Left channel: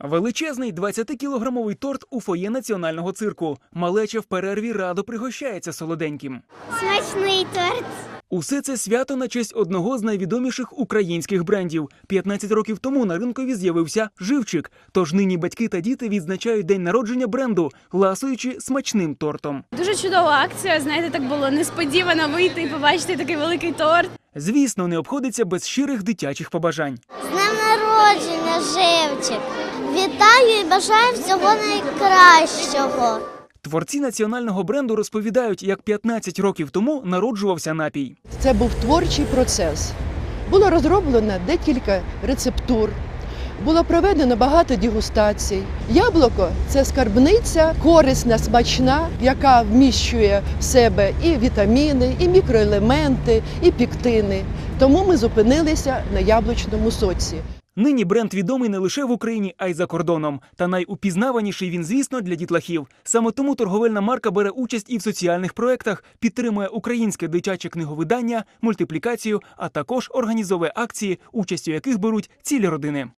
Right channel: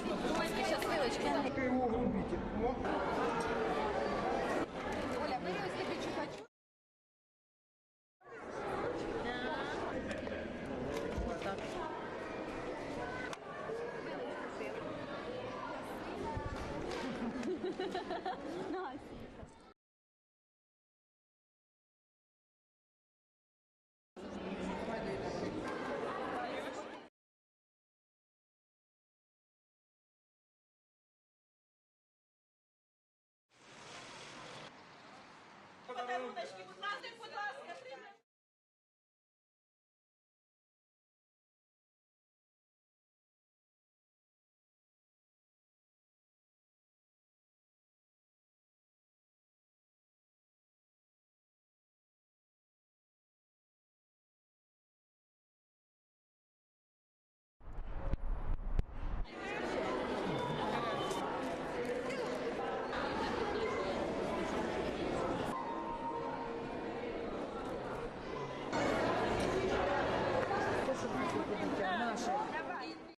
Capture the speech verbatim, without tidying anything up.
Величезний двадцятикілограмовий торт у фоє національного цирку. Малеча в перерві радо пригощається солоденьким. Смачний торт. Усе це свято на честь одного з найвідоміших українських брендів. п'ятнадцять років тому на ринкові з'явився «Живчик». Тож нині батьки та діти відзначають день народження бренду, ласуючи смачним тортом. Дуже чудова акція, знаєте, так було несподівано вийти і побачити такий великий торт. Звісно, не обходиться без щирих дитячих побажань. З днем народження, Живчик. Вітаю і бажаю всього найкращого. Творці національного бренду розповідають, як п'ятнадцять років тому народжувався напій. Це був творчий процес. Було розроблено декілька рецептур, було проведено багато дегустацій. Яблуко – це скарбниця, корисна, смачна, яка вміщує в себе і вітаміни, і мікроелементи, і пектини. Тому ми зупинилися на яблучному соці. Нині бренд відомий не лише в Україні, а й за кордоном. Та найупізнаваніший він, звісно, для дітлахів. Саме тому торговельна марка бере участь і в соціальних проєктах, підтримує українське дитяче книговидання, мультиплікацію, а також організовує акції, участю яких беруть цілі родини.